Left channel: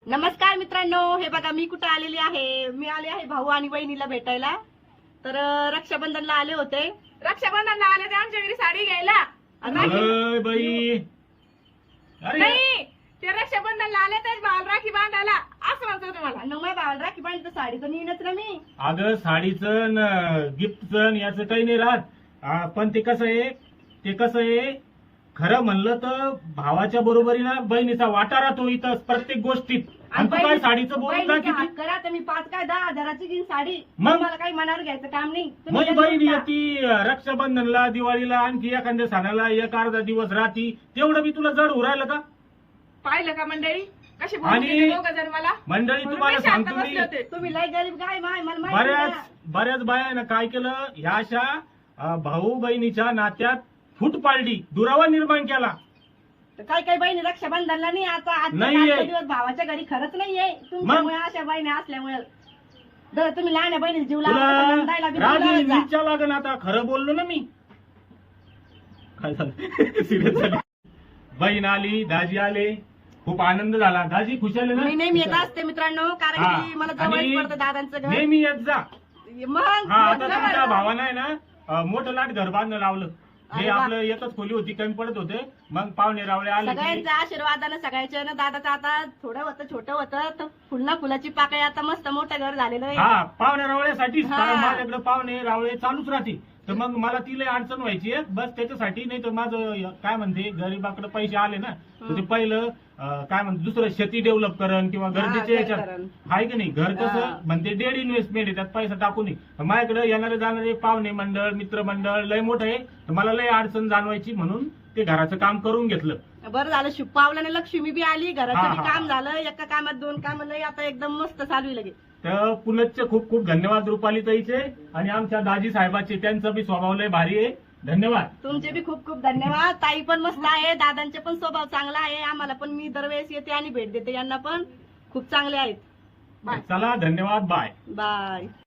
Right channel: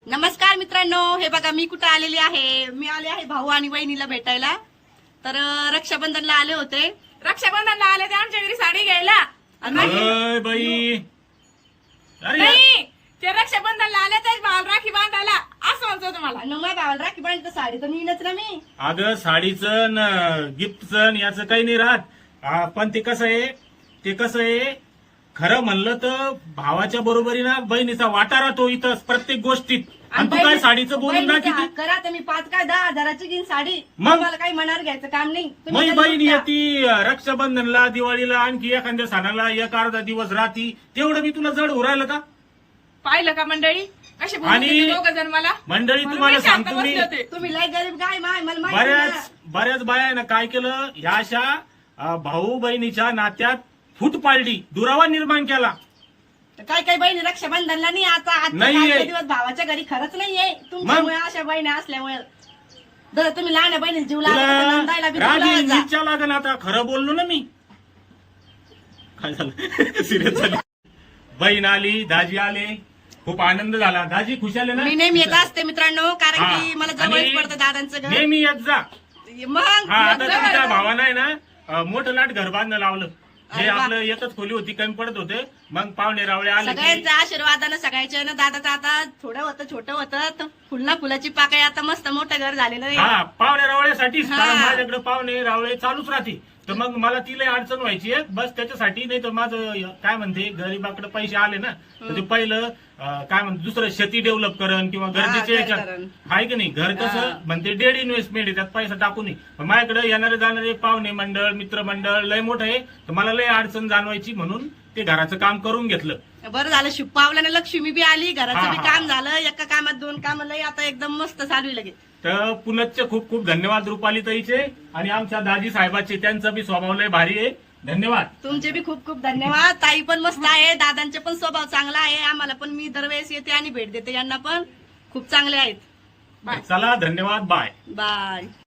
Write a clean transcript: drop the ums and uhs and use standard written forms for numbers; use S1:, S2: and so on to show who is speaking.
S1: नमस्कार मित्रांनो, हे बघा मी कुठं आलेली आहे. मी आले आहे भाऊ आणि बहिणीला भेटायला. तर रक्षाबंधनला आले होते.
S2: रक्षाबंधनला आले ते आमच्या घरी साडी घ्यायला.
S3: अरे बाई, अरे
S2: नाही, ते रक्षाबंधनला आले तर भावाला राखी बांधायला असं म्हणतो तुम्हाला.
S1: आणि मग भावाला राखी बांधली तर साडी तर नेईनच ना मी.
S3: अगं साडीचं गिफ्टचं याचं काही नाही राहत. पण ते कसं आहे खरं म्हणलं तर भावाच्या बरोबरीनं बहिणीचा वाटा राहतो इथं प्रत्येक गोष्टीत. आणि तू काय साडीचं बोलून ना
S1: बहिणीचा
S3: किती
S1: हात करा तर मी 5 काय 10,000ची घेईन साडी.
S3: मग?
S1: मला काही मनावर घ्यायचं काम नाही. तुम्ही
S3: मग
S1: घरी
S3: बहीण
S1: जा.
S3: येती रक्षाबंधनला दिवाळीला आणखी एखाद्या सणाला एक अर्धा दिवस राहती तेवढं मी तुला जड उरायलं का?
S2: पाहिलं का मंडळी कशी
S3: आणि
S2: दोघ जण मला
S3: मंडळी
S2: म्हणून
S3: तुम्हाला
S2: मी शांत
S3: सांगतो मी
S2: बसले होते.
S1: तुम्ही लय गरीब काय माय मला माहिती आहे ना.
S3: बऱ्याच बायानं काय केलं ह्या अशा भाऊ बहिणीच्या नात्यात फूट पाडली, दुरावा निर्माण केला.
S1: तर काही काही बहिणी रक्षाबंधनला नाही. आता
S3: नाहीये.
S1: आजचे दिवस भावाच्या घरी खरंच नाहीये. तुमच्यामुळे अशा बहिणी असल्यामुळे जर तुम्ही लहान बहिणी जीव
S3: तुला
S1: लागला नंदायला बी
S3: रागी
S1: बोलावं जा.
S3: विचार लागन. आता खरं बोललो ना मी. काय झालं सिरियस झाली. बहीण आली, दाजी आले, खूप आनंद झाला. दाजी खुश आले ना?
S1: मी नेहमी येत असते मित्रांनो, कारण
S3: हा.
S1: की मला जवळच
S3: आणि
S1: पडतं दादांचं घर.
S3: नेहमी येत जा.
S1: मग
S3: हा आता
S1: जवळ
S3: तुमच्या
S1: आहे.
S3: भावानं आहे ना मोठं लाट घर बांधणं लावलं.
S1: अरे
S3: हे
S1: वा.
S3: आपलं एकच खोली होती, कमी पडत होते. मग पाहुणे रावळे आले की-
S1: सगळ्यांच्या आशीर्वादानं सगळ्याच्या ना दादाचं आता थोडं होतं छोटं होतं तर फुलना फुलाची पाकळी आता मस्त मोठं घर झालेलं आहे.
S3: हा पाहुणे रावळ्यासाठीच.
S1: हा.
S3: कारण माझ्याकडे पाहुणे रावळे चालूच राहते. तर मग मला तिला अडचण व्हायची आहे बस त्याच्यासाठी. नाही तर माझं काय म्हणते गरीबाकडे पैसे आले ना तर ते पहिलं काय म्हणते दुसरं शेती डेव्हलप करण किंवा गरजेचे
S1: घर
S3: याच्यात
S1: करण.
S3: आहे की नाही. घर कसं
S1: हा.
S3: म्हणते डेड इन्व्हेस्टमेंट आहे, त्यात पैसा टाकू नये. पण माझ्याकडे येणारे जाणारे पाहुणे मंडळ मित्रमंडळ लय मोठं आहे तर मला लय अडचण जाणवायची म्हणून ते घराचं काम करून घेतलं.
S1: बरं झालं शुभ पावल्याने लक्ष्मी बी आली, घराचं
S3: हा,
S1: बी
S3: हा.
S1: काम झालं. एका कामात 2 काम लय आता एकदम मस्त चालू आहे लगे.
S3: तर पुनच्चे खूप खूप धन्यवाद रुपाली ताईचे आणि आमच्या दाजी साहेबाचे. त्यांचा बी स्वभाव लय भारी आहे. धन्यवाद.
S1: तुमचे बी खूप खूप धन्यवाद. ताई पण मस्त आहे, दादांचे पण स्वभाव चांगला आहे. आम्हाला पण मी दरवेळेस येते आणि भेट देते. यांना पण खूप चांगले आहेत.
S3: चला धन्यवाद. बाय.
S1: बाय.